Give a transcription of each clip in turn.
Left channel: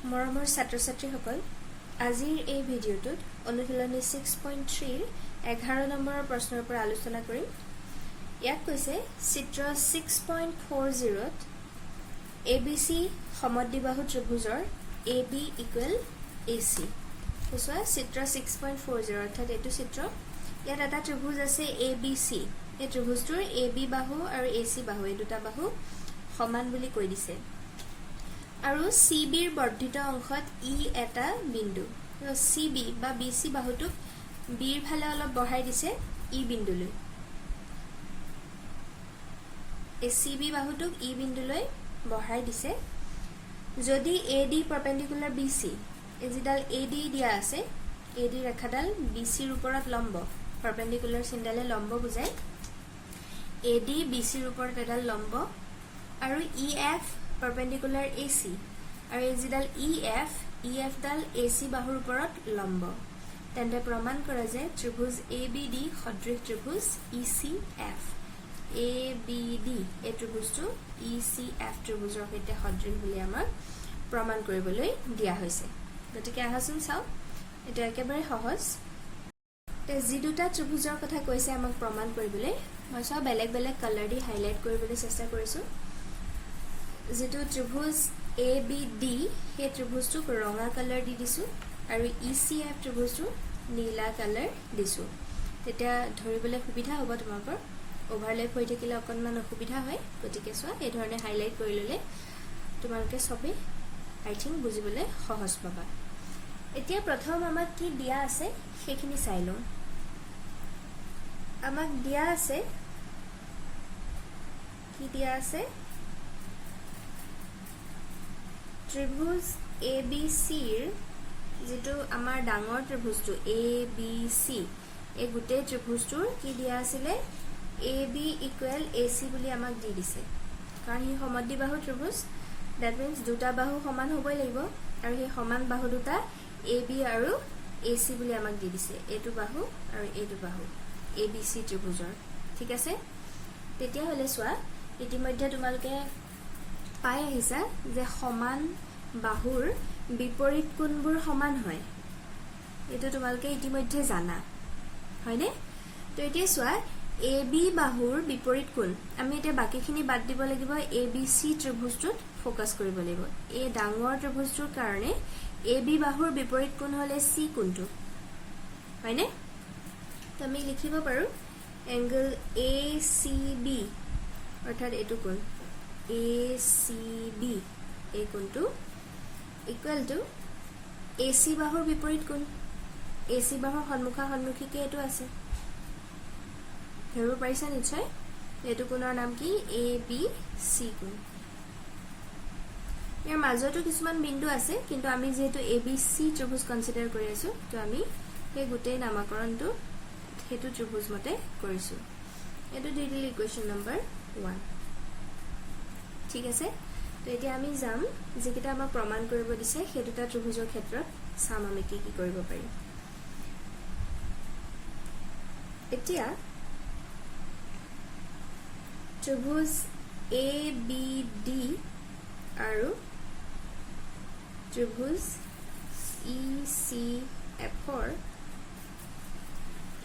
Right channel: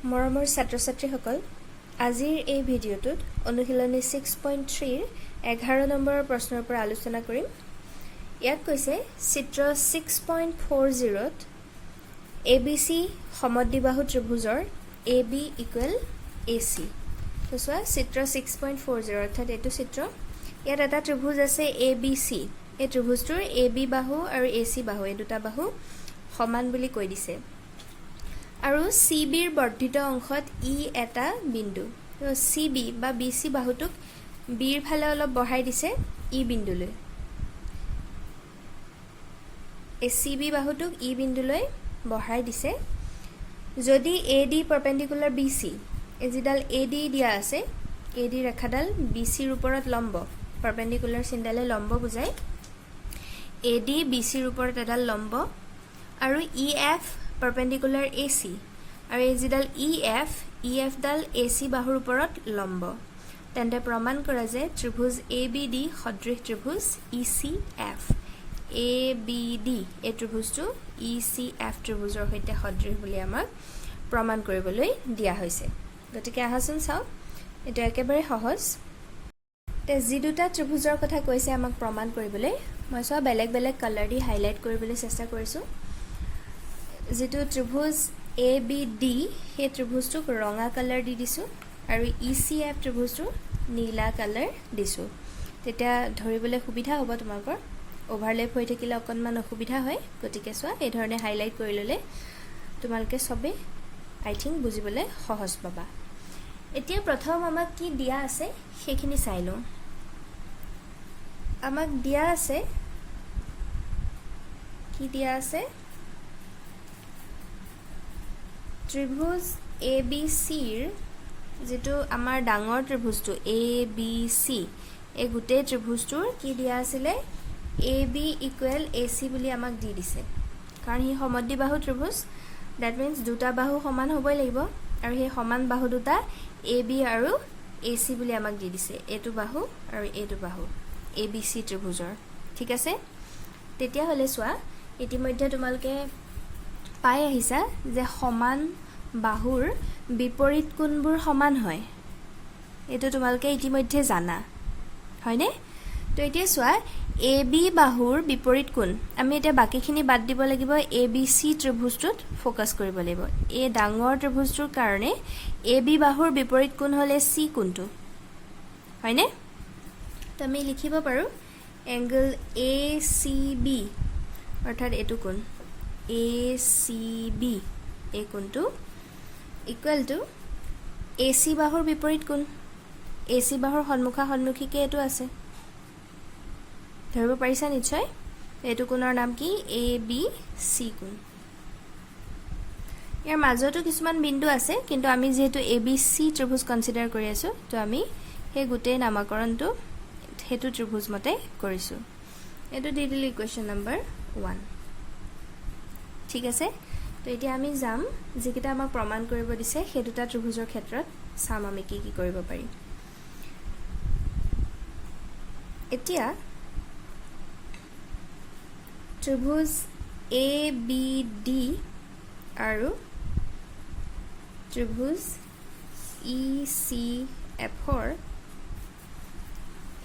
মৰমৰ ছাত্ৰ-ছাত্ৰীসকল, আজিৰ এই ভিডিঅ'টোত অনুশীলনী 6.3 ৰ 11 নম্বৰৰ প্ৰশ্নৰ পৰা আলোচনা কৰিম। ইয়াত কৈছে চিত্ৰ 6.40 ত ABC সমদ্বিবাহু ত্ৰিভুজৰ AB ইকুৱেল AC। চোৱা চিত্ৰ 6.40 অৰ্থাৎ এইটো চিত্ৰ। ইয়াত এটা ত্ৰিভুজ আছে ABC। এই ত্ৰিভুজটোৰ AB বাহু আৰু AC বাহু এই দুটা বাহু সমান বুলি কৈ দিছে। আৰু CBৰ বৰ্ধিত অংশত ই এটা বিন্দু। CB বা BC বাহুটোক বিৰ ফালে অলপ বঢ়াই দিছে ই বিন্দুলৈ। এই CB বাহুটোক ই বিন্দুলৈ বঢ়াই দিছে। যদি AD পাৰপেণ্ডিকুলাৰ BC, এই যিডাল AD দিয়া আছে, AD ৰেখাডাল BCৰ ওপৰত লম্ব, পাৰপেণ্ডিকুলাৰ চিনডালে লম্ব বুজায়। AD BCৰ ওপৰত এডাল লম্ব আৰু EF পাৰপেণ্ডিকুলাৰ AC আৰু এই যিডাল EF ডাল AC বাহুৰ ওপৰত লম্ব, তেন্তে প্ৰমাণ কৰা যে ত্ৰিভুজ ABD সদৃশ ত্ৰিভুজ ECF। ABD এই ত্ৰিভুজটো ECF ত্ৰিভুজৰ সৈতে সদৃশ বুলি আমাক প্ৰমাণ কৰিবলৈ দিয়া হৈছে। গতিকে আহাচোন চাওঁ, এইটো একেবাৰে সহজ। যি দুটা ত্ৰিভুজৰ কথা কৈছে আমাক প্ৰমাণ কৰিবলৈ, মই চোৱা বেলেগ বেলেগ কালাৰ দি হাইলাইট কৰিবলৈ চেষ্টা কৰিছোঁ। যিটো ত্ৰিভুজ ABD সেই ত্ৰিভুজটোক ৰঙা কালাৰ দি দিছোঁ আৰু ECF ত্ৰিভুজটো নীলা কালাৰ দিছোঁ। তেতিয়া ধৰিবলৈ সুবিধা হ'ব, তোমালোকৰ অভাৰলেপ হৈ থাকিলে অকণমান অসুবিধা হয়। গতিকে চোৱা এই ধৰণে হাইলাইট কৰি ল'লে তোমালোকে চবেই আই থিংক বুজিবলৈ সহজ পাবা। এতিয়া প্ৰথম আমাক কি দিয়া আছে সেইখিনি চাই লওঁ। আমাক দিয়া আছে, কি দিয়া আছে, ত্ৰিভুজ ABCৰ যিটো আমাৰ ডাঙৰ ত্ৰিভুজটো ABC, এই গোটেই ত্ৰিভুজটোৰ কি দিয়া আছিলে, AB ইকুৱেল AC বুলি আমাক দি দিছে। কাৰণ সি সমদ্বিবাহু ত্ৰিভুজ, ডেট মিনছ দুটা বাহু সমান হ'বই লাগিব আৰু সেই সমান বাহু দুটা AB আৰু AC বুলি আমাক দি দিছে। এইটো বাহু আৰু এইটো বাহু ABC ত্ৰিভুজৰ। ঠিক আছে, তেতিয়াহ'লে চোৱা ইতিমধ্যে তোমালোকে পাই আহিছা যে সমান বাহুৰ বিপৰীত কোণবোৰ সমান হয়। এইটো তোমালোকে ইতিমধ্যে জানা, হয়নে? তো এতিয়া চোৱা AB বাহুৰ বিপৰীত কোণ, আমি এতিয়া বাকীখিনি বাদ দিব লাগিব, ABC ত্ৰিভুজটোত ফ'কাছ কৰিব লাগিব। এই ডাঙৰ ত্ৰিভুজটোৰ কাৰণে AB বাহুৰ বিপৰীত কোণ হ'লে C কোণটো, হয়নে? তো আমি লিখিব পাৰোঁ এংগল ACB অৰ্থাৎ এইটো কোণ ACB, এই কোণটো ইকুৱেল টু AC বাহুৰ বিপৰীত কোণ। AC বাহুৰ সন্মুখা সন্মুখীকে এইটো আছে, ধৰিব পাৰিছা নিশ্চয়। এইটো কোণৰ নাম কি, ABC কোণ। ইয়াৰ মাজতো কিছুমান বিন্দু আছে, কিন্তু আমি যিহেতু ABC ত্ৰিভুজ কনচিডাৰ কৰি আছোঁ, তো আমি সেই গোটেই নামাকৰণটো সেইটো ত্ৰিভুজ মতে কৰিছোঁ। এইটো দি দিলোঁ ইকুৱেশ্যন নম্বৰ 1। ঠিক আছে, তো এতিয়া আমি যাম যিকেইটা আমাক প্ৰমাণ কৰিব দিছে সেই দুটা ত্ৰিভুজৰ ক্ষেত্ৰত চাম আমি কি কি কৰিব পাৰিম। এতিয়া ত্ৰিভুজ ABD আৰু ত্ৰিভুজ ECFৰ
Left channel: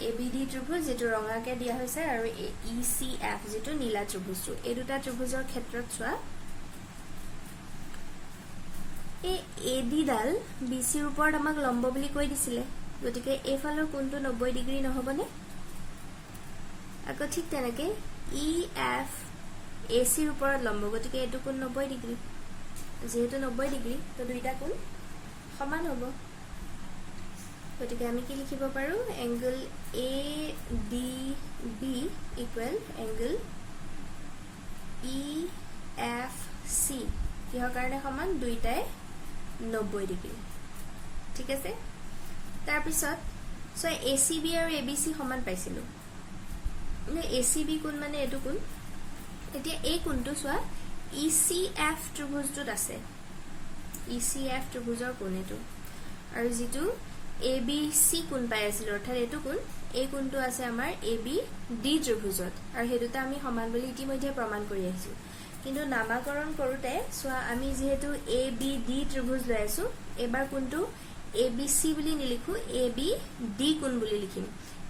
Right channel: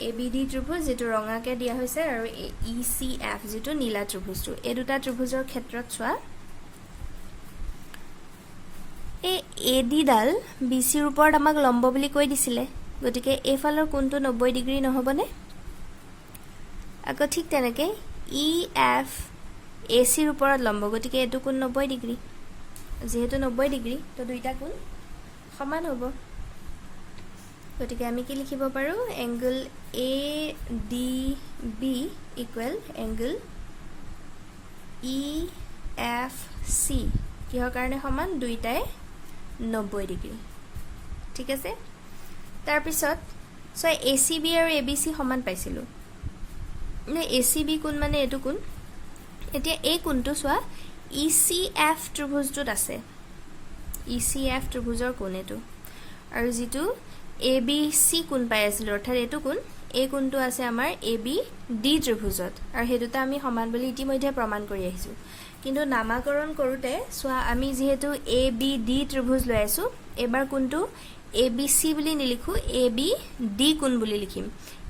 ABD ত্ৰিভুজ যিটো ৰঙাকে দিয়া হৈছে আৰু ECF যিটো নীলা ত্ৰিভুজটো, এই দুটা ত্ৰিভুজৰ ক্ষেত্ৰত চোৱা এই AD ডাল BCৰ ওপৰত আমাক লম্ব বুলি কৈ দিছিলে। গতিকে এইফালৰ কোণটো 90 ডিগ্ৰী নহ'বনে? আকৌ ঠিক তেনেকৈ EF ACৰ ওপৰত লম্ব, গতিকে এইটো কোণ 90 ডিগ্ৰী। যিহেতু 90 ডিগ্ৰী, তো দুইটা কোণ সমান হ'ব। গতিকে আমি কি লিখিব পাৰোঁ, angle ADB equal angle EFC। কিহৰ কাৰণে সমান, দুইটাই 90 ডিগ্ৰী। ঠিক আছে, তাৰপিছত চোৱা ACB আৰু ABC সমান পাইছিলোঁ নে, ACB কোণ মানে এইটো কোণ। এতিয়া এই কোণটো চোৱা ECF ত্ৰিভুজটোত আছে, ECF ত্ৰিভুজৰ কোণ এইটো, আৰু যিটো ABC কোণ পাই আছিলোঁ অৰ্থাৎ এইটো কোণ, এই কোণটো আছে আমাৰ ABD ত্ৰিভুজত, আৰু সেই দুটা আমি সমান বুলি ইতিমধ্যে প্ৰমাণ কৰি আহিছোঁ। কিন্তু নামাকৰণ কৰোঁতে চোৱা আমি যেহেতু এ বি ডি ত্ৰিভুজ লৈ আছো এবাৰ কোনটো এ বি সি বুলি নিলিখো এ বি ডি কোণ বুলি লিখিম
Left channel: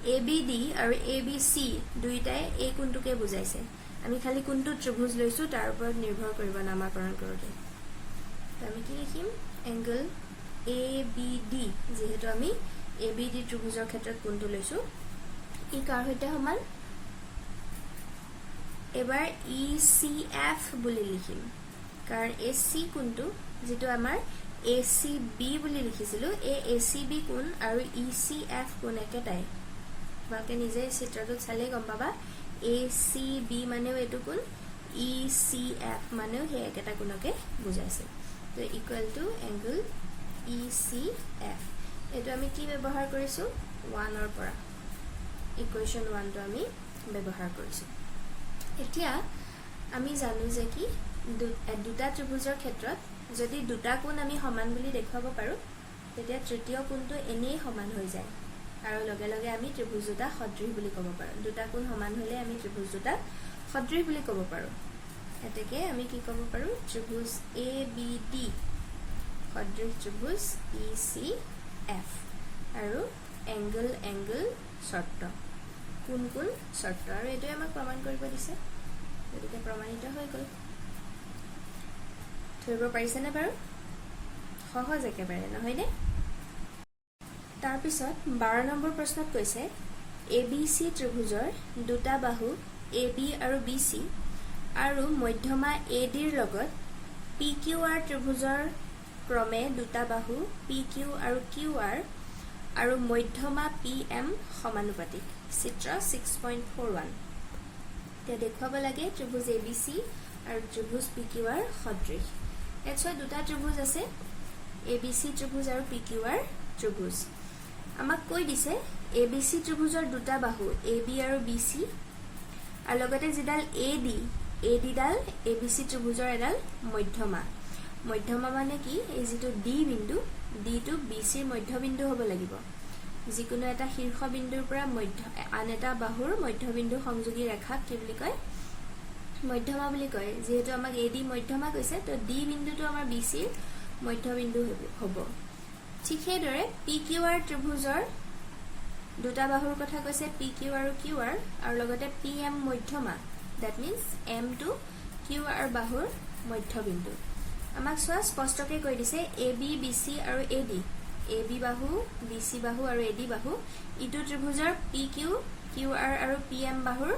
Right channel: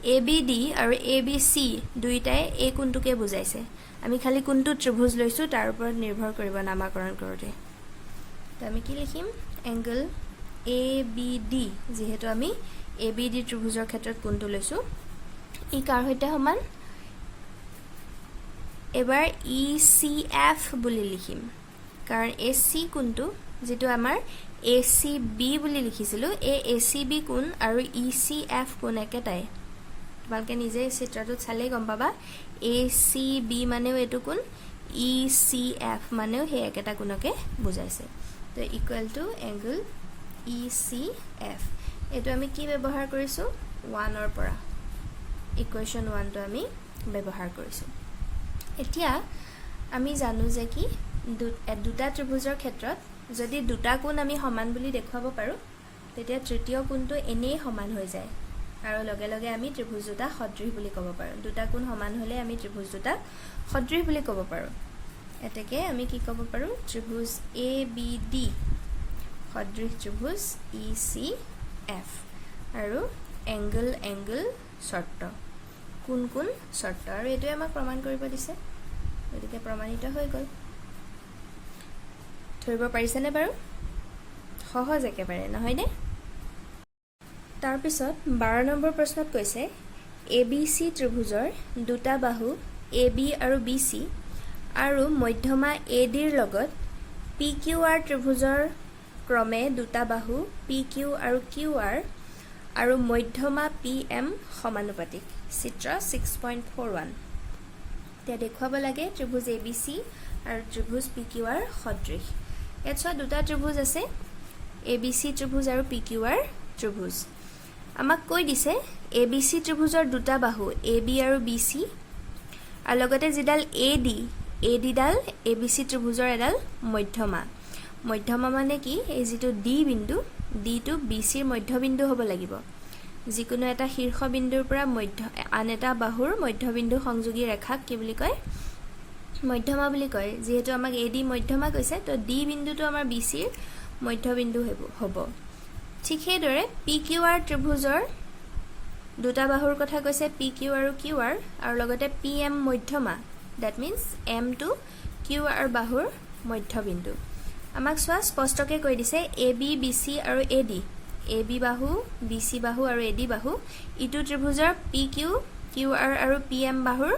এ বি ডি আৰু এ বি সি দুইটাই এই কোণটোকে বুজাইছে আমি খালি কোনটো ত্ৰিভুজ লৈছো তাৰ ওপৰত নিৰ্ভৰ কৰিব নামাকৰণ কৰোঁতে আমি কি লিখিম এংগল এ বি ডি যেহেতু আমি এ বি ডি ত্ৰিভুজৰ ক্ষেত্ৰত কোণটো লৈছো ই কাৰ সৈতে সমান এবাৰ ই সি এফ বুলি লিখিম কাৰণ এ সি কোণটো যেটো আমাৰ এ সি বি বুলি লিখিছিলো এ সি বি কোণ আৰু ই সি এফ কোণ একেটাই তোমালোকে নিজে চিত্ৰটোত চালে গম পাবা এ সি বি মানেও এটো কোণ ই সি এফ মানেও সেই একেটা কোণকে বুজাইছে তো equal to angle E C F এটো আমি কি ব্যৱহাৰ কৰিছো 1 ৰ পৰা ইকুৱেশ্যন 1 টো আমি ব্যৱহাৰ কৰিছো এতিয়া আমি জানো যে কি দুটা ত্ৰিভুজৰ ক্ষেত্ৰত যদি দুটা কোণ আমি সমান বুলি দেখুৱাব পাৰো তেতিয়া তৃতীয় কোণটো এনেই সমান হৈ যায় আৰু লগে লগে আমি ত্ৰিভুজ দুটা সদৃশ বুলি ক'ব পাৰো দুটা কোণ সমান হলে আমি ত্ৰিভুজ দুটা সদৃশ বুলি ক'ব পাৰো এতেকে আমি কি ক'ব পাৰো ত্ৰিভুজ এ বি ডি সদৃশ ত্ৰিভুজ ই সি এফ আৰু এংগল শৰ্ত কোন কোন শৰ্ত আৰু এটো আমাক প্ৰমাণ কৰিব দিছে গতিকে প্ৰমাণিত হৈ গল ধৰিব পাৰিছেনে বাৰু সহজ একেবাৰে নহয়নে তাৰ পিছত 12 নম্বৰ প্ৰশ্নত কৈছে ABC ত্ৰিভুজৰ দুটা বাহু AB আৰু BC আৰু মধ্যমা AD ৰ লগত PQR ত্ৰিভুজৰ ক্ৰমে দুটা বাহু PQ আৰু QR আৰু মধ্যমা PM সমানুপাতিক চিত্ৰ 6.41 তে দেখুৱাব লাগে ত্ৰিভুজ ABC আৰু ত্ৰিভুজ PQR সদৃশ ইয়াত চোৱা দুটা ত্ৰিভুজ আছে ABC ত্ৰিভুজ আৰু PQR ত্ৰিভুজ আমাক কৈ দিছে ABC ত্ৰিভুজৰ দুটা বাহু AB আৰু BC আৰু লগতে যিডাল AD ডাল ABC ত্ৰিভুজৰ এডাল মধ্যমা মানে কি এই যেটো D বিন্দু D টো BC ৰ মধ্যবিন্দু হ'ব লাগিব যিকোনো এটা শীৰ্ষবিন্দুৰ পৰা আন এটা বাহুৰ মধ্যবিন্দু সংযোগী ৰেখাক কি বুলি কয় মধ্যমা বুলি কয় যেহেতু আমাক AD মধ্যমা কৈছে তো D বিন্দুটো আমাৰ BC ৰ মধ্যবিন্দু হ'ব ঠিক সেইদৰে PQR ত্ৰিভুজৰ দুটা বাহুৰ কথা কৈছে PQ আৰু QR আৰু লগতে PM মধ্যমা that means M to QR বাহুৰ মধ্যবিন্দু আমাক সোৱা স্পষ্টকে কৈ দিছে AB BC আৰু AD AB বাহু BC বাহু আৰু AD বাহু ইটো ত্ৰিভুজৰ PQ QR আৰু PM বাহুৰ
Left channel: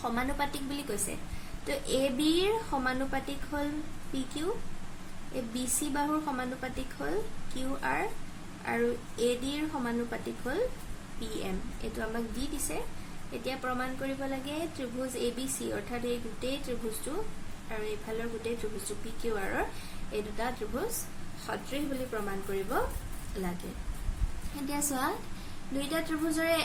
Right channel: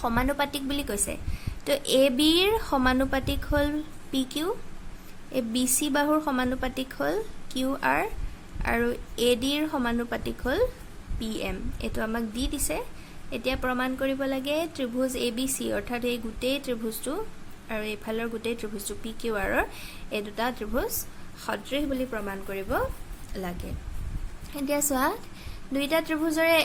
সমানুপাতিক বুলি কৈছে তো AB ৰ সমানুপাতিক হল PQ এ BC বাহুৰ সমানুপাতিক হল QR আৰু AD ৰ সমানুপাতিক হল PM এটো আমাক দি দিছে এতিয়া প্ৰমাণ কৰিব লাগে ত্ৰিভুজ ABC অৰ্থাৎ এই গুটেই ত্ৰিভুজটো আৰু এইফালৰ গুটেই ত্ৰিভুজটো PQR ৰ এই দুটা ত্ৰিভুজ সদৃশ বুলি প্ৰমাণ কৰিব লাগে এতিয়া চোৱা দুইটা ত্ৰিভুজৰে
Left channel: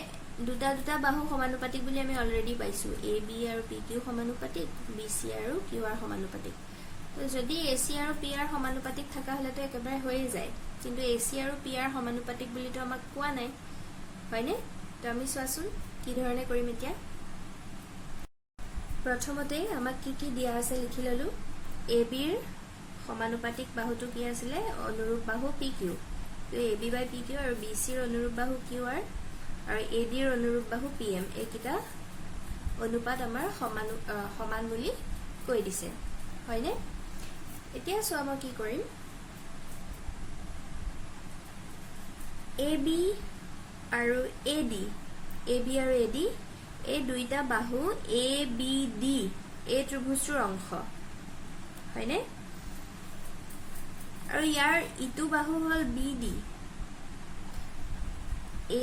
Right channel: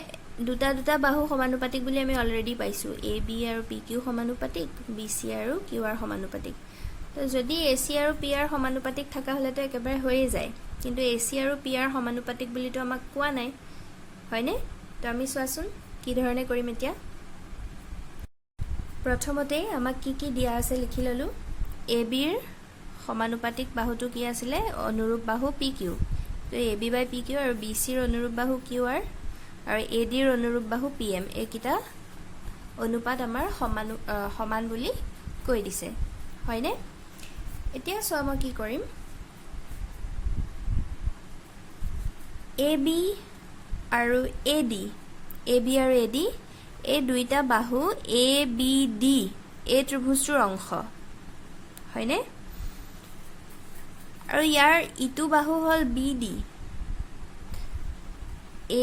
দুটা বাহু সমানুপাতিক বুলি আমি অলৰেডি পাইছো AB আৰু PQ সমানুপাতিক BC আৰু QR সমানুপাতিক যদি AC আৰু PR সমানুপাতিক থাকা হলে তো একেবাৰে হৈয়ে যায় কিন্তু AC আৰু PR সমানুপাতিক বুলি তো আমাক কোৱা নাই হয়নে তো আমি চোৱাচোন কি ধৰণে কৰিম এতিয়া প্ৰথমতে আমাক কি দিয়া আছে লিখি ললো AB ৰ সমানুপাতিক বাহুটো কি আছিল অনুৰূপ বাহু PQ তো AB বাই PQ আৰু BC ৰ অনুৰূপ বাহু QR আৰু AD ৰ অনুৰূপ বাহু PM এইকিটা অনুপাত আমাৰ সমান বুলি কৈ দিছে হয়নে এতিয়া চোৱা মই কি কৰিম AB আৰু AD এই দুইটা বাহু ABD এই ত্ৰিভুজটোৰ অংশ হয়নে আৰু ইয়াৰ ইটো বাহু হল BD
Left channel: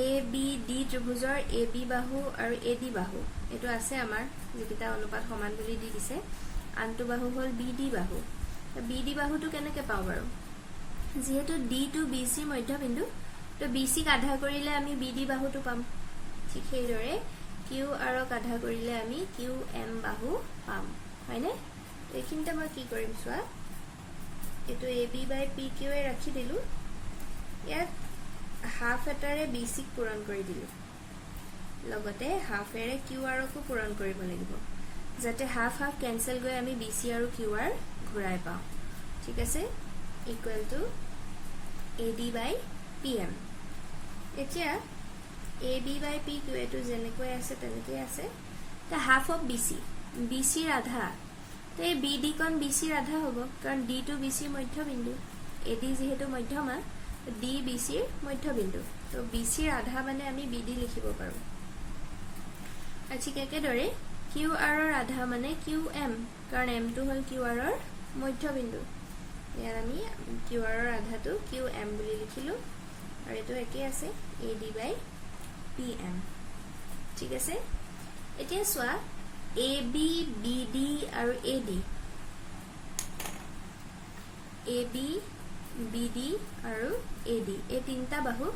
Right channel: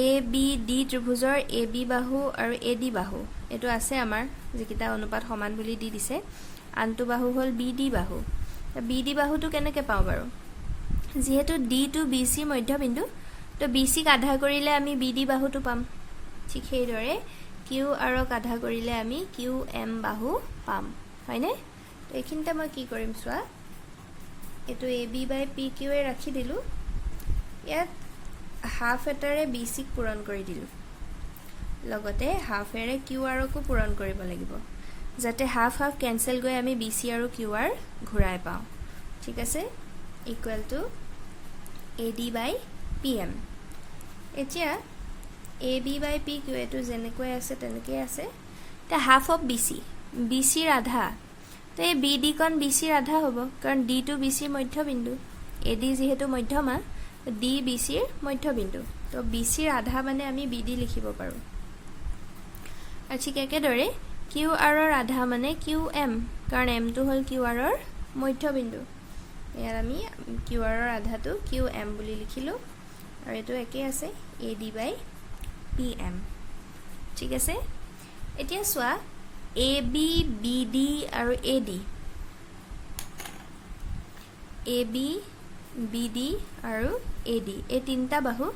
ABD ত্ৰিভুজৰ AB বাহু আৰু AD বাহু এটো আছে আমাৰ যেকিটা অনুপাত সমান বুলি দি দিছে আনটো বাহু হল BD বাহু BD বাহুটো কেনেকৈ পাও বাৰু যেহেতু D টু BC মধ্যবিন্দু তো BC ক আধা কৰিলে আমি BD বাহুটো পাম ঠিক সেইদৰে QR ক আধা কৰিলে আমি QM বাহু পাম হয়নে এইখিনতে মই কি কৰিম চোৱা এটো AB বাই PQ এ ৰাখি দিলু ইয়াত হাফ এটাৰে BC ক পূৰণ কৰি দিলু লগতে হাফ এৰে QR কো পূৰণ কৰিব লাগিব যাতে হাফ হাফ কেনসেল গৈ আমি BC আৰু QR ঘূৰাই পাওঁ ঠিক আছে equal to AD by PM এতিয়া AB by PQ এটো যেনেকৈ আছে তেনেকৈ আছে তে হাফ অফ BC ৰ আধা তে BD কোন BC ৰ আধা হ'ব কাৰণ D টু BC ৰ মধ্যবিন্দু AD যেহেতু মধ্যমা D BC ৰ মধ্যবিন্দু তো BC ৰ আধা মানে আমি BD লিখিব পাৰো আৰু ঠিক একেদৰে QR ৰ আধা মানে QM কাৰণ M টো হল QR ৰ মধ্যবিন্দু ইয়াৰ আমি QR ৰ আধাটো QM বুলি লিখিলো আৰু এটো একে আছে AD by PM ঠিক আছে এতিয়া সোয়া AB BD আৰু AD AB BD আৰু AD এই তিনটা বাহু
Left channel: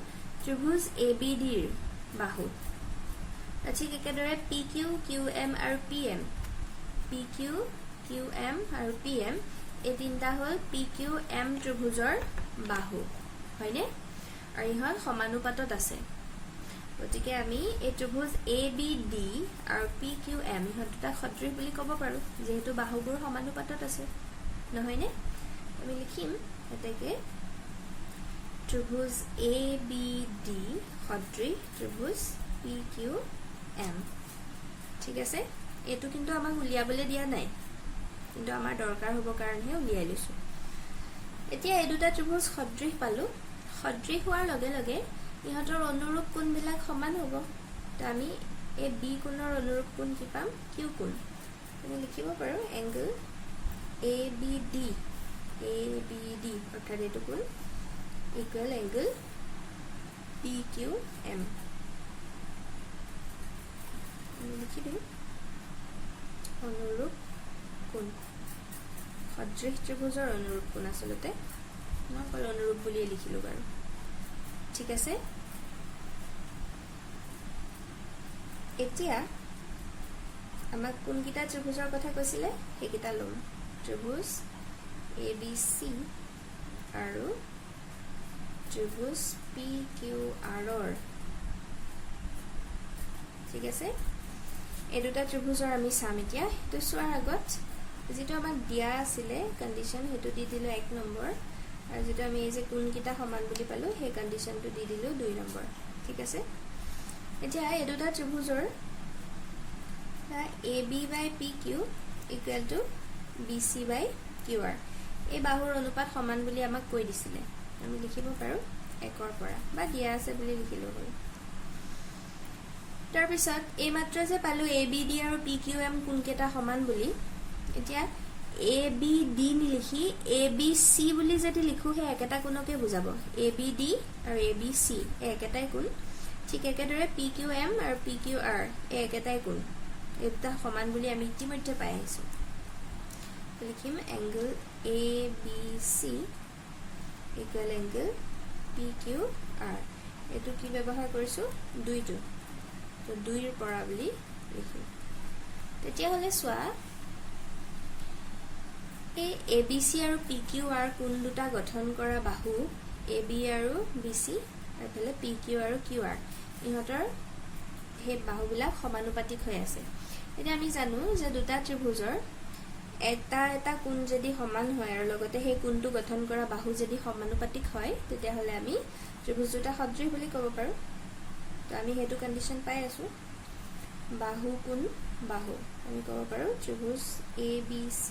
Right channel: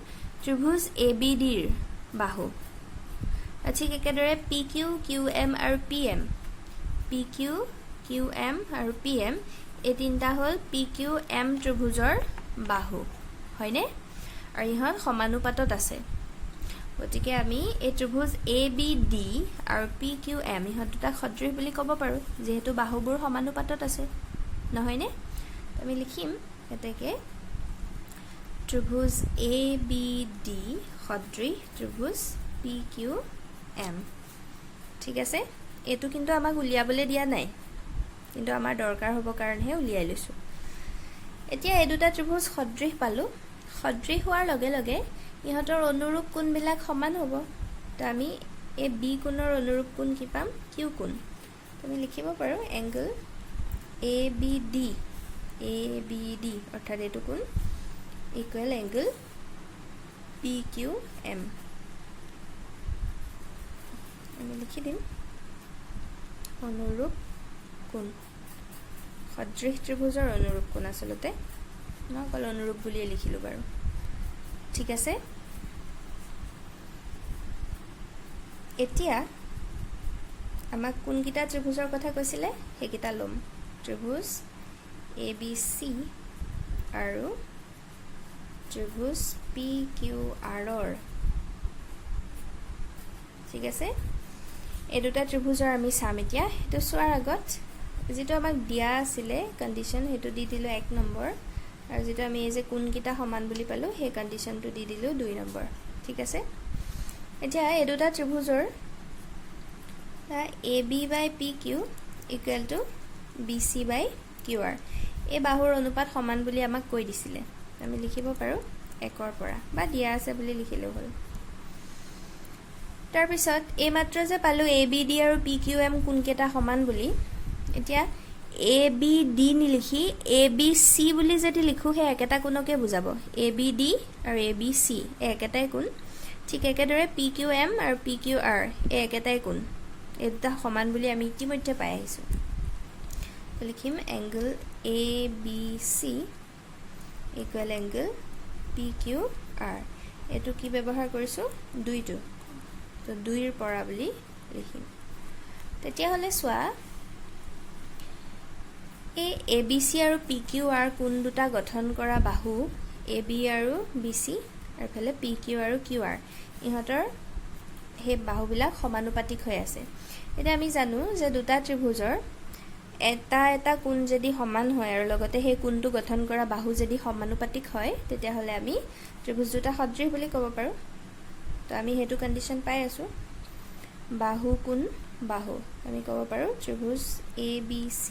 ত্ৰিভুজ ABD ৰ বাহু ঠিক একেদৰে PQ QM আৰু PM PQ QM আৰু PM এই তিনটা হল PQM ত্ৰিভুজৰ বাহু হয়নে আৰু ইহত সমানুপাতত আছে গতিকে আমি এই ত্ৰিভুজ ABD আৰু PQM ইহত দুটা সদৃশ বুলি ক'ব পাৰো যেহেতু বাহুবোৰ সমানুপাতত আছে নহয়নে আমি লিখিম এটাকে ত্ৰিভুজ ABD সদৃশ ত্ৰিভুজ PQM ঠিক আছে এটো কিন্তু আমাক উলিয়াবলৈ দিয়া নাই কিন্তু আমাৰ দৰকাৰ হ'ব কাৰণহে উলিয়াই লৈছো এতিয়া এই দুটা ত্ৰিভুজ সদৃশ পালো সদৃশ হোৱাৰ লগে লগে ইহতৰ অনুৰূপ কোণবিলাক সমান হ'ব তো আমি এই B কোণৰ অনুৰূপ কোণ কি পাম Q কোণ আমি লিখিব পাৰো এংগল ABD অৰ্থাৎ এটো কোণ ইকুৱেল এংগল PQM আমি লিখি দিম অনুৰূপ কোণ সদৃশ ত্ৰিভুজৰ অনুৰূপ কোণ আসলতে মই অকল অনুৰূপ বুলি লিখিলো বাৰু ঠিক আছে এতিয়া আমাক কোনকিটা ত্ৰিভুজৰ কথা কৈছিলে হেকিটা লম ত্ৰিভুজ ABC আৰু ত্ৰিভুজ PQR ঠিক আছে এই দুটা ত্ৰিভুজৰ আমি চাম এতিয়া হেতু সোৱাৰ আগত যেটো আমাক দিয়া আছিলে কন্ডিশন হেতু দি দিলো 1 নম্বৰ আৰু যেটো আমি এই যে কোনকিটা সমান বুলি পালো সেই কন্ডিশনটো দি দিলো 2 নম্বৰ ঠিক আছে এতিয়া এই দুটা ত্ৰিভুজৰ AB by PQ equal to BC by QR এই বাহুৰ অনুপাত সমান বুলি আমাক কৈ দিছিলে আমি লিখিব পাৰো 1 ৰ পৰা বা দিয়া আছে বুলি লিখিলো হ'ল তাৰ পিছত এই মাত্ৰ যে পালো ABD আৰু PQM কোনকেটা সমান বুলি এতিয়া ABD নিলিখি ABC বুলি যদি লিখো হে একেটা কোণকে বুজাব ABD আৰু ABC একেটাই কোণ ঠিক একেদৰে PQM আৰু PQR একেটাই কোণ এটা সমান বুলি আমি ইতিমধ্যে পাই আহিছো লিখিম angle ABC equal angle PQR এটো কি ব্যৱহাৰ কৰিছো 2 টো তো 2 ৰ পৰা বুলি লিখিম তেতিয়া হলে সোৱা এই ABC আৰু PQR কোণ দুটা গঠন কৰা বাহু AB আৰু BC আৰু ফলে PQ আৰু QR ইহতৰ হে বাহুবিলাক সমানুপাতিক হৈ আছে এটা আমি জানো যে দুটা ত্ৰিভুজৰ এটা কোণ যদি সমান হয় আৰু লগতে হে কোণটো গঠন কৰা বাহু যদি সমানুপাতিক হয় তেতিয়া হলে আমি ত্ৰিভুজ দুটা সদৃশ বুলি ক'ব পাৰো তো আমি হেতু কন্ডিশন পাই আছো বাহু কোণ বাহু আমি ক'ব পাৰো ত্ৰিভুজ ABC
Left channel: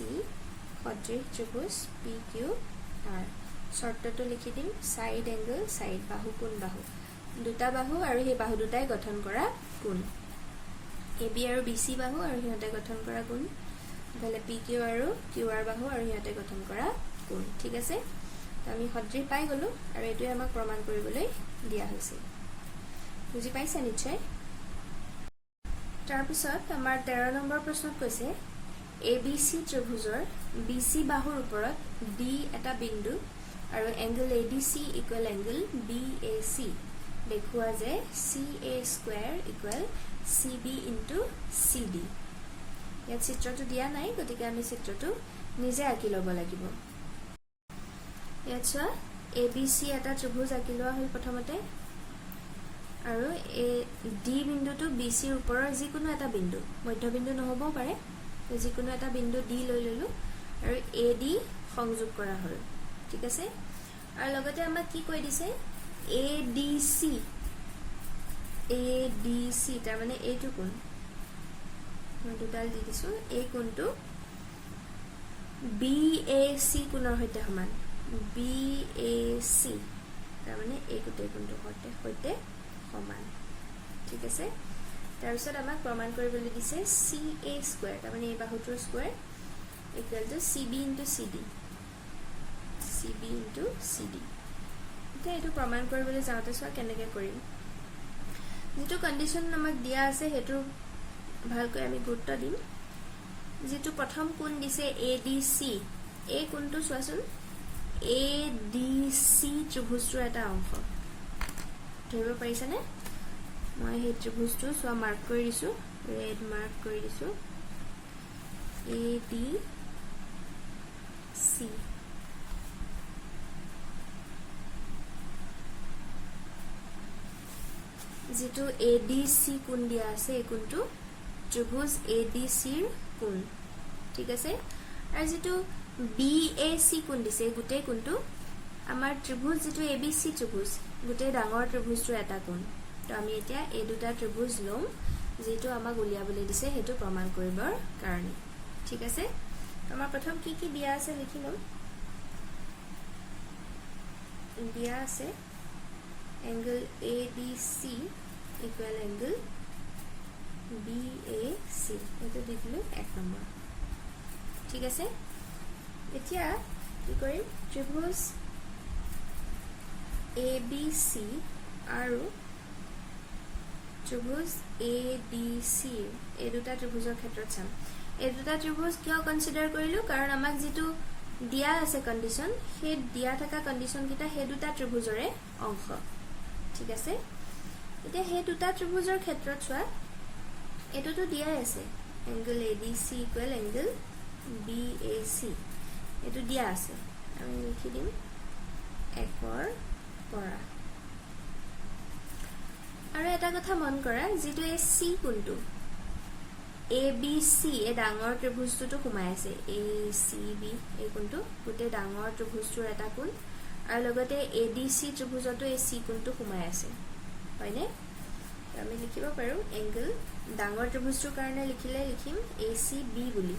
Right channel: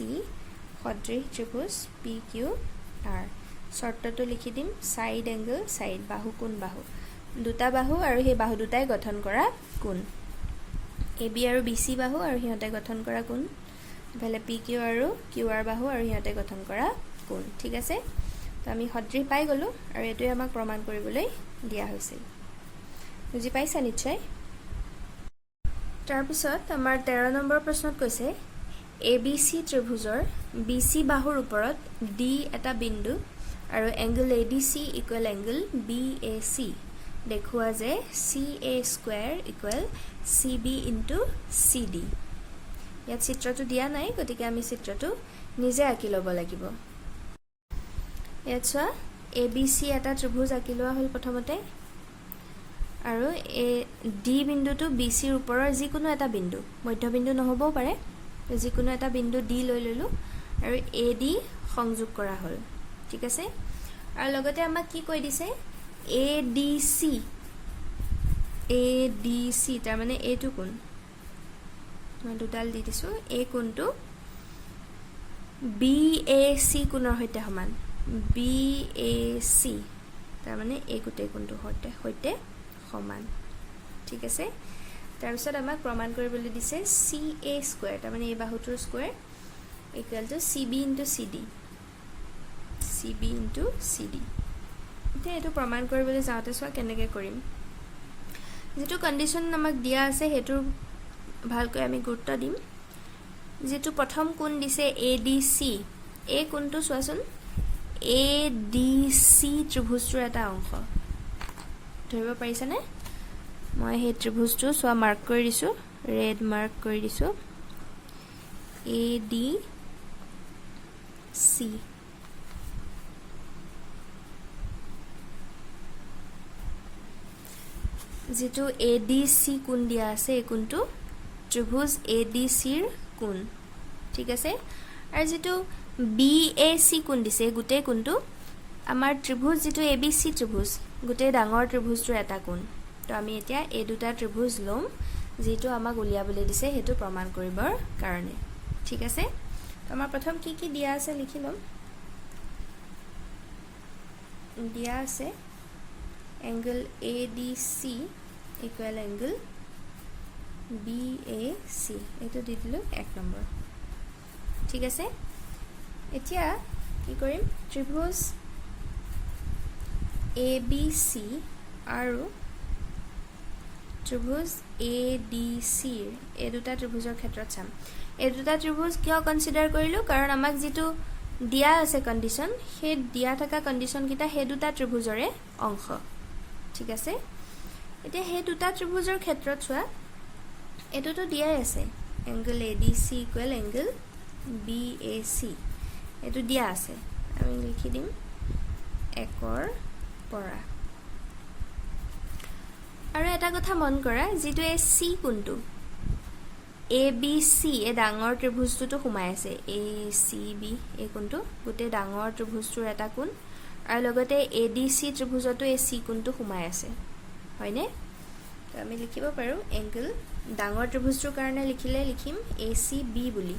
সদৃশ ত্ৰিভুজ PQR শৰ্তটো লিখি দিম সাইড এংগল সাইড বাহু কোণ বাহু দুটা বাহু আৰু হে বাহু দুটাই গঠন কৰা কোণ AB আৰু BC বাহু আৰু হিহতে গঠন কৰা কোণ ভেলে PQ আৰু QR বাহু আৰু হিহতে গঠন কৰা কোণ ঠিক আছে তো আমি সদৃশ পাই গলো আৰু এটোই আমাক প্ৰমাণ কৰিবলৈ দিয়া হৈছে বুজি পাইছা নিশ্চয় তাৰ পিছত আমাৰ 13 নম্বৰ প্ৰশ্নত কৈছে ABC ত্ৰিভুজৰ BC বাহুৰ ওপৰত D এটা বিন্দু আৰু angle ADC equal angle BAC দেখুৱা যে CA square equal CB into CD ইয়াত চিত্ৰটো দিয়া নাই গতিকে আমি চিত্ৰটো নিজে আঁকি ল'ব লাগিব ইয়াত চোৱা ABC এটা ত্ৰিভুজ আঁকি লোৱা হ'ল প্ৰথমতে আৰু এই D বিন্দুটো BC ৰ ওপৰৰ যিকোনো এটা বিন্দু মধ্যবিন্দু নহবও পাৰে যিকোনো এটা বিন্দু ডি লৈ ললো আৰু এ ডি সংযোগ কৰা হ'ল ঠিক আছে আৰু লগতে আমাক কি কৈ দিছে এ ডি সি তাৰ মানে এইটো কোণ মই দুডাল দি দিছো এই কোণটো বি এ সি কোণৰ সৈতে সমান বি এ সি তাৰ মানে এই গোটেই কোণটোৰ সৈতে সমান ঠিক আছে তাৰপিছত আমাক প্ৰমাণ কৰিবলৈ দিছে চি এ স্কোৱাৰ তাৰ মানে এই বাহুটোৰ square equal to C B into C D এতিয়া এইটো প্ৰমাণ কৰিবলৈ যাওঁতে চোৱা কেনেকৈ কৰিম যেটো কন্ডিশন আমাক দিয়া আছে হেতু ভালকৈ আমি গুৰুত্ব দিম যেটো প্ৰথম কোণ দিছে ADC এই কোণটো চোৱাচোন ADC ত্ৰিভুজৰ এটা অংশ ধৰিব পাৰিছানে মই হে ত্ৰিভুজটো চোৱা মাৰ্ক কৰি দিছো ৰেড মাৰ্ক কৰি দিছো ADC যেটো ADC কোণ দিয়া আছে এই কোণটো ত্ৰিভুজ ADC ৰ কোণ ঠিক আছে আৰু যেটো BAC কোণ দিছে গুটেই কোণটো আমাৰ ত্ৰিভুজ যেটো ABC ত্ৰিভুজ গুটেই ডাঙৰ ত্ৰিভুজটোৰ এটা কোণ তো আমি এতিয়া এই দুটা ত্ৰিভুজ লম যেটো আমাক উলিয়াবলৈ দিছে হেতু প্ৰমাণ কৰিবৰ কাৰণে ঠিক আছে আমাৰ প্ৰথম কি দিয়া আছে লিখি লম দিয়া আছে angle ADC equal angle BAC এটো দি দিলো 1 নম্বৰ ঠিক আছে এতিয়া কি কৰিম ত্ৰিভুজ ABC আৰু ত্ৰিভুজ ADC এই দুটা ত্ৰিভুজৰ ক্ষেত্ৰত চাম এই দুটা ত্ৰিভুজ কিয় কনসিডাৰ কৰিলো কাৰণ আমাক যেটো দিয়া আছে কন্ডিশন হে দিয়া থকা কন্ডিশন কিটা হে দুটা ত্ৰিভুজৰে অংশ ঠিক আছে এতিয়া হে দুটা ত্ৰিভুজৰ ক্ষেত্ৰত চোৱা এটোটো দিয়াই আছে angle ADC equal angle BAC এটো দিয়া আছে আমি লিখি দিম 1 ৰ পৰা আৰু এটা কথা মন কৰা যেটো এই C কোণটো ABC এ ডাঙৰ ত্ৰিভুজটো সোমাই আছে ACB এই কোণটো গুটে ডাঙৰ ত্ৰিভুজটোৰ এটা কোণ আৰু লগতে ADC ত্ৰিভুজটো এই C কোণটো সোমাই আছে হয়নে আমি লিখিব পাৰো angle ডাঙৰ ত্ৰিভুজটোৰ কাৰণে লিখিলে লিখিম ACB বুলি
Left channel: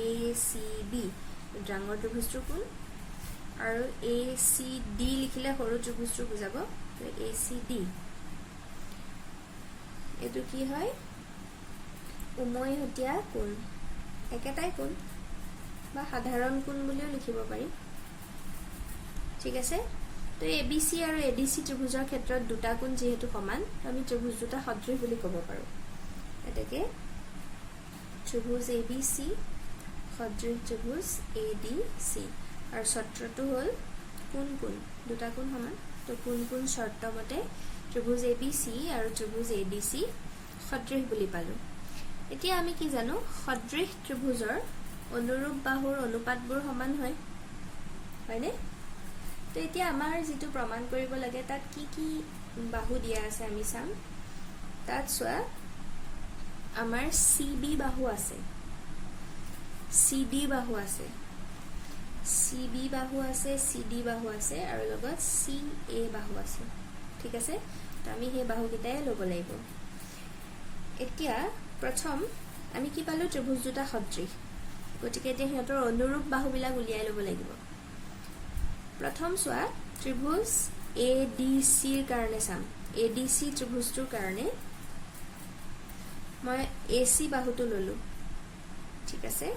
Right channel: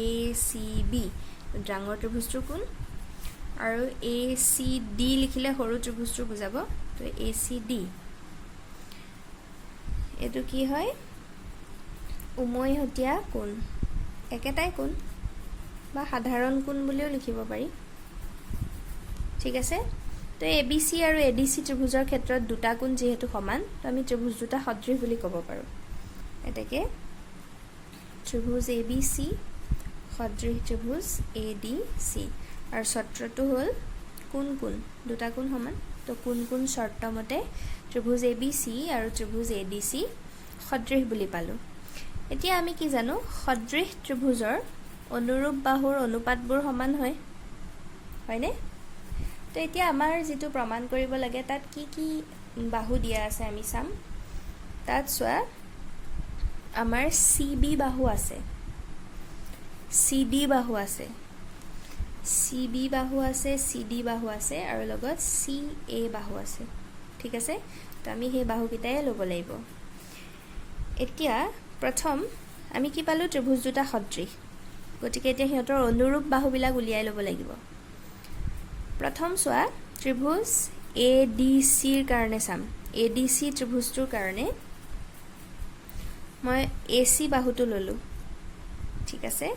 ACB ডাঙৰ ত্ৰিভুজটোৰ কোণ আৰু ACD লিখিলে সৰু ত্ৰিভুজটো বুজাব তো ACD এটো কি হয় উমৈহতীয়া কোণ একেটাই কোণ বা সাধাৰণ কোণ বুলিও লিখিব পাৰি ঠিক আছে তো ABC আৰু ADC ত্ৰিভুজৰ ক্ষেত্ৰত দুটা কোণ যেহেতু সমান তো আমি ত্ৰিভুজ দুটা সদৃশ বুলি ক'ব পাৰো এটাকে ত্ৰিভুজ ABC সদৃশ ত্ৰিভুজ ADC আৰু শৰ্তটো হ'ল কোণ দুটা কোণ সমান তো কোণ শৰ্ত মতে ত্ৰিভুজ ABC আৰু ত্ৰিভুজ ADC সদৃশ বুলি পালো এতিয়া আমি কি জানো সদৃশ ত্ৰিভুজৰ অনুৰূপ বাহুৰ অনুপাতবোৰ সমান হয় হয়নে তো এতিয়া আমাৰ যেটো প্ৰমাণ কৰিব লাগে তাত কি বাহু দিয়া আছে আমি চাম তাত চোৱা আমাৰ CB বাহু আছে CD বাহু আছে CB বাহু আছে CD বাহু আছে আৰু লগত CA বাহু আছে ঠিক আছে তো আমি সেই বাহু কিটাই লব লাগিব এতিয়া প্ৰথম আমি কি পালো ত্ৰিভুজ দুটা সদৃশ গতিকে এতিয়া হিহঁতৰ অনুৰূপ বাহু বিলাক উলিয়াই লব লাগিব প্ৰথম চোৱা ত্ৰিভুজ ADC ৰ কাৰণে চাম ADC ত্ৰিভুজটোৰ কাৰণে মই AC বাহুটো ললো ঠিক আছে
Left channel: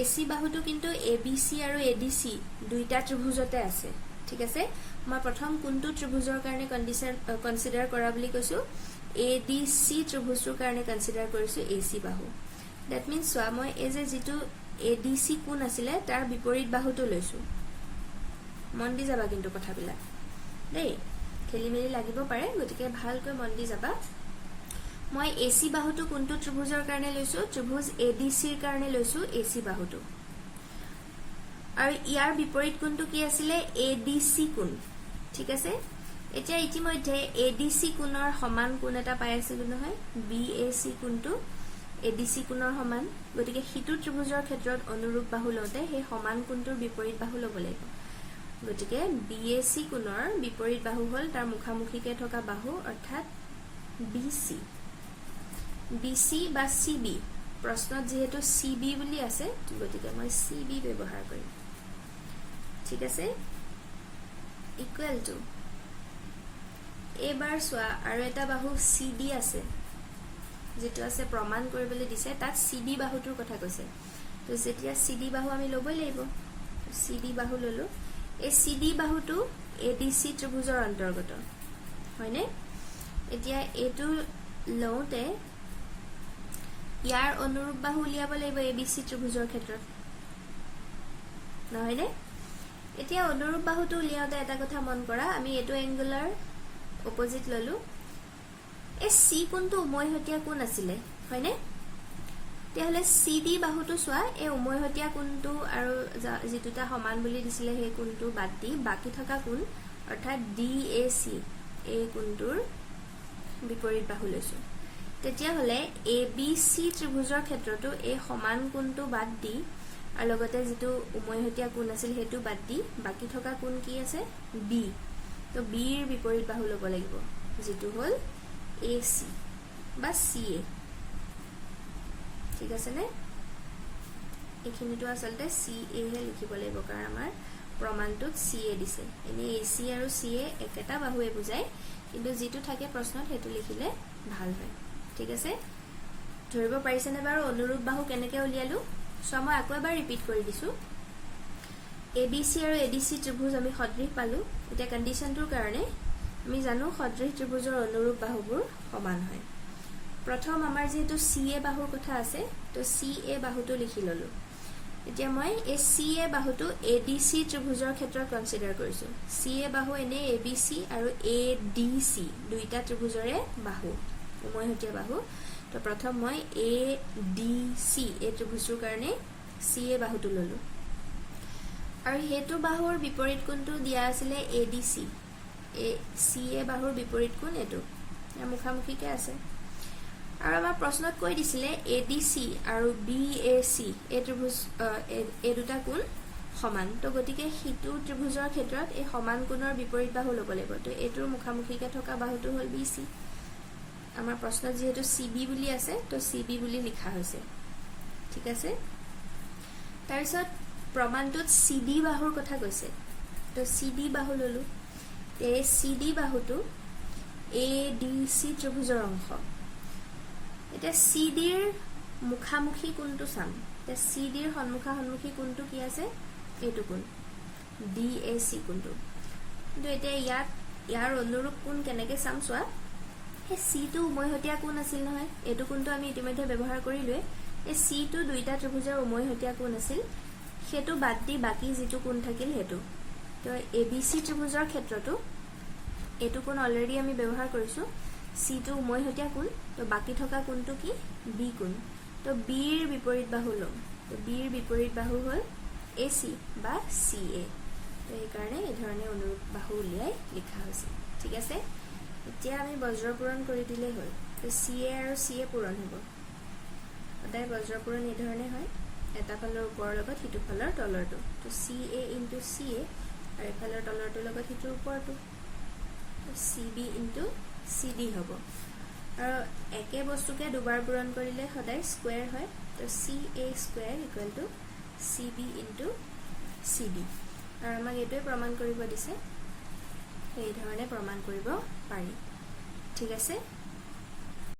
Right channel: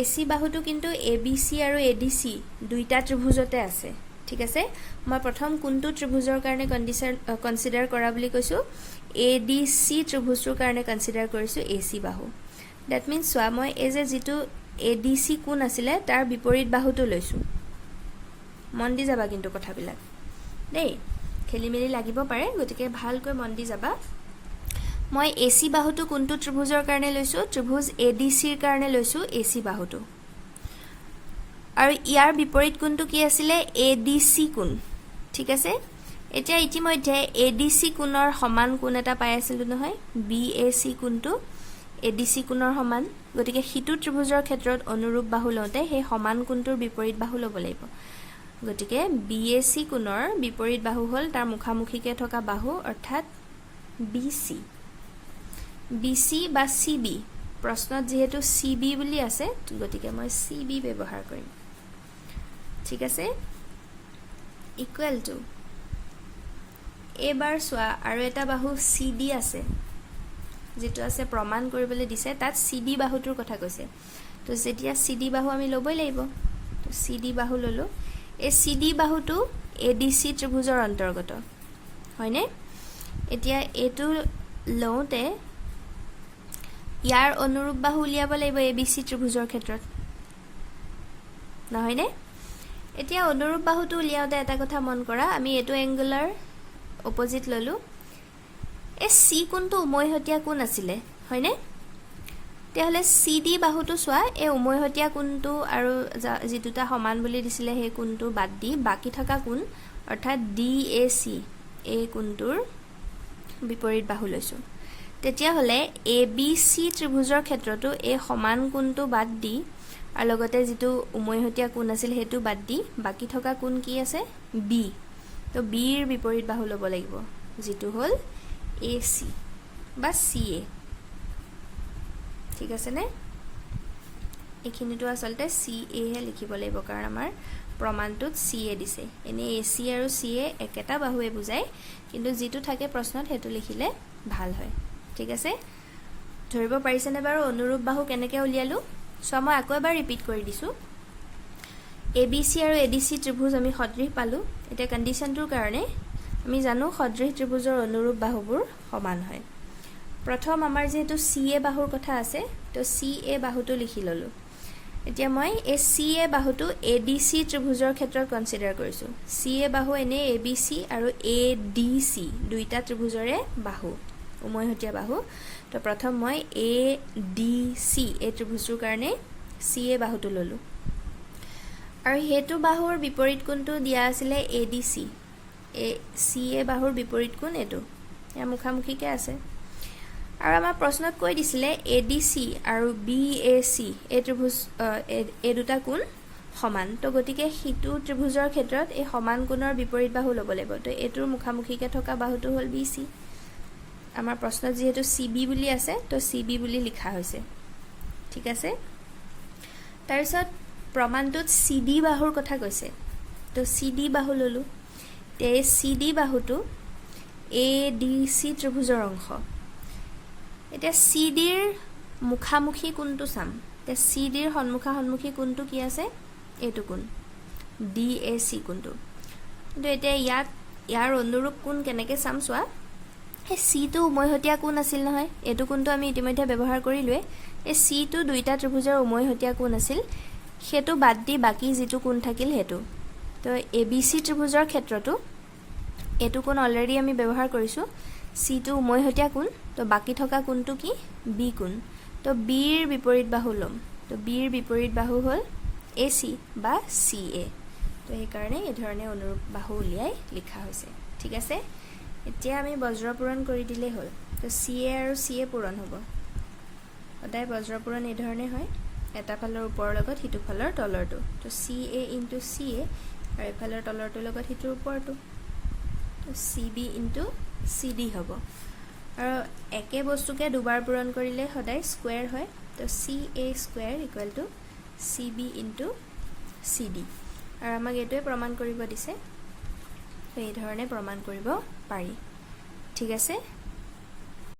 AC বাহুটো কিন্তু ABC আৰু ADC দুইটা ত্ৰিভুজতে আছে ঠিক আছে মই প্ৰথম কোনটো ত্ৰিভুজৰ কাৰণে কনসিডাৰ কৰা বুলি কৈছো ADC ত্ৰিভুজৰ কাৰণে কনসিডাৰ কৰিছো AC বাহু দ্যাট মিন্স চোৱা মই এজ যেটো ADC কোণ আছিল তাৰ বিপৰীত বাহুটো লৈছো মন দি যাবা কিন্তু কথাবিলাক দেই খেলিমেলি লাগিব পাৰে গতিকে ভালকৈ মন দি যাবা মই AC বাহুটো কোনটো ত্ৰিভুজৰ কাৰণে লৈছো ত্ৰিভুজ ADC ৰ কাৰণে লৈছো AC বাহুটো আৰু ইয়াৰ বিপৰীত কোণটো কি আছিল ADC কোণ ঠিক আছে এতিয়া ইতিমধ্যে ADC কোণৰ সমান কোণ এটা পাই আছিল নহয় BAC কোণটো ADC কোণৰ সমান গতিকে হিটু ত্ৰিভুজৰ ক্ষেত্ৰত অনুৰূপ বাহু লওঁতে সেই সমান কোণটোৰ বিপৰীত বাহু ল'ব লাগিব গতিকে BAC কোণৰ বিপৰীত বাহু হ'ল তাৰ মুখামুখিকে থকা বাহু অৰ্থাৎ BC BC বা CB প্ৰশ্নত যেহেতু CB বুলি আছে গতিকে মই CB ব্যৱহাৰ কৰিম ঠিক আছে ইকুৱেল টু এবাৰ সোয়া আৰু এটা বাহু CD আছে যেটো আছে প্ৰমাণ কৰিবলৈ দিছে তাত CD বাহুটোৰ কথা কৈছে তো যেতিয়া CD বাহু আমি লবই লাগিব তো CD বাহু ললো এই CD বাহুটো ADC ত্ৰিভুজৰ অন্তৰ্গত হয়নে এতিয়া এটো লওঁতে ইয়াৰ অনুৰূপ বাহু উলিয়াব লাগিব ABC ত্ৰিভুজৰ ক্ষেত্ৰত নহয়নে এতিয়া অনুৰূপ বাহুটো উলিয়াওতে এটা কথা মন কৰা আমি এটো এংগুলাৰ অপোজিট ললো এ C কোণটো উমৈহতীয়া কোণ আছিলে হয়নে তেহলে CD বাহুটো সোয়া এ উমৈহতীয়া কোণটো আৰু যেটোটা সমান বুলি দিছিলে সেই কোণটো বাদ দি বাকি থকা কোণ অৰ্থাৎ DAC এই কোণটোৰ বিপৰীত বাহু লৈছো তেতিয়া হলে ABC ত্ৰিভুজৰ ক্ষেত্ৰটো এই সমান কোণটো বাদ দি আৰু লগতে যেটো উমৈহতীয়া কোণ আছিল হেতু বাদ দি বাকি থকা কোণ কি আছে B তো B ৰ বিপৰীত বাহু ল'ব লাগিব যেটো হল AC বা CA ঠিক আছে নে এখিনিটো আসলতে CA হে লিখিব লাগিব কাৰণ আমাৰ প্ৰমাণটোত CA দিছে এনে AC আৰু CA একেটা বাহুৱে বুজায় কিন্তু যেটো থাকে প্ৰশ্নত হেতু লিখিলে ভাল হয় ঠিক আছে ধৰিব পাৰিছেনে বাৰু অনুৰূপ বাহু কেনেকৈ উলিয়ালো সো মই আকৌ এবাৰ ৰিপিট কৰি দিছো ABC আৰু ADC ত্ৰিভুজ আমি সদৃশ পালো এটা কন্ডিশনটোৰ কাৰণে আমি জানো সদৃশ ত্ৰিভুজৰ অনুৰূপ বাহুবোৰ সমান হয় প্ৰথম আমাৰ যেটো CA বাহুৰ কথা আছে তো CA বাহুটো লিখি ললো এতিয়া মই এই CA বাহুটো ADC ত্ৰিভুজৰ ক্ষেত্ৰত কনসিডাৰ কৰিছো CA বাহু এনে ABC আৰু ADC দুইটা ত্ৰিভুজৰে বাহু উমৈহতীয়া বাহু তো প্ৰথম মই ADC এই ত্ৰিভুজৰ কাৰণে CA বাহুটো ললো আৰু হেতু বাহুৰ বিপৰীত কোণটো দিয়া আছিল ADC CA বাহুৰ বিপৰীত কোণ এটো ইয়াৰ মুখামুখিকে আছে আৰু আমাৰ প্ৰশ্নত কৈ দিছিলে ADC আৰু BAC এই ত্ৰিভুজ এই দুটা কোণ সমান তো গতিকে হিটু ত্ৰিভুজৰ ক্ষেত্ৰত এই সমান কোণৰ বিপৰীত বাহু ল'ব লাগিব তো এটোৰ মুখামুখিকে থকা বাহুটো হ'ল BC আমাৰ প্ৰশ্নত যেহেতু CB বুলি আছে তো CB বুলি লিখা হৈছে ঠিক আছে তাৰপিছত প্ৰমাণটোত CD বাহুৰ কথা কৈছে তো CD বাহু ললো তে CD বাহুটো ADC ত্ৰিভুজৰ অংশ এটা CD ৰ মুখামুখি কোণটো চাম তে CD ৰ সন্মুখী কোণটো কি আছে এটো কোণ DAC কোণটো কিন্তু এটা ইয়াৰ অনুৰূপ কোণ কেনেকৈ চাম সোয়া এই C টো উমৈহতীয়া কোণ আছিল নহয় এটো কোণটো আমি ইতিমধ্যে ব্যৱহাৰ কৰিলোৱে এই C টো দুইটা ত্ৰিভুজৰ উমৈহতীয়া কোণ আছিল হেতু বাদ দি বাকি যেটো কোণ থাকিল হেতু তো ABC ত্ৰিভুজৰ ক্ষেত্ৰটো এটো কোণ অলৰেডি আমি ব্যৱহাৰ কৰিছো C টো উমৈহতীয়া কোণ তো বাকি থকা কোণটো কি B কোণ তো B ৰ বিপৰীত বাহু লম তো B ৰ বিপৰীত বাহু হ'ল AC বা CA তো এই কাৰণে এই ধৰণে অনুৰূপ বাহু উলিয়াই লিখা হৈছে ঠিক আছে এতিয়া আমি বজ্ৰ পূৰণ কৰি দিলে হ'ল তো CA আৰু CA পূৰণ হ'ব ওদাই বজ্ৰ পূৰণ এই ধৰণে হয় এটা ফালৰ ওপৰৰ লগত হিটু ফালৰ তলৰটো তো CA * CA আৰু এফালৰ তলৰটো লগত হিটু ওপৰটো তো CB * CD হ'ব আৰু একে বস্তুকে দুবাৰ পূৰণ কৰিলে সদায় স্কয়াৰ হয় তো CA স্কয়াৰ = CB * CD আৰু আমাক এটোৱে প্ৰমাণ কৰিব দিছে এই ধৰণে প্ৰমাণ কৰিব পাৰি ঠিক আছে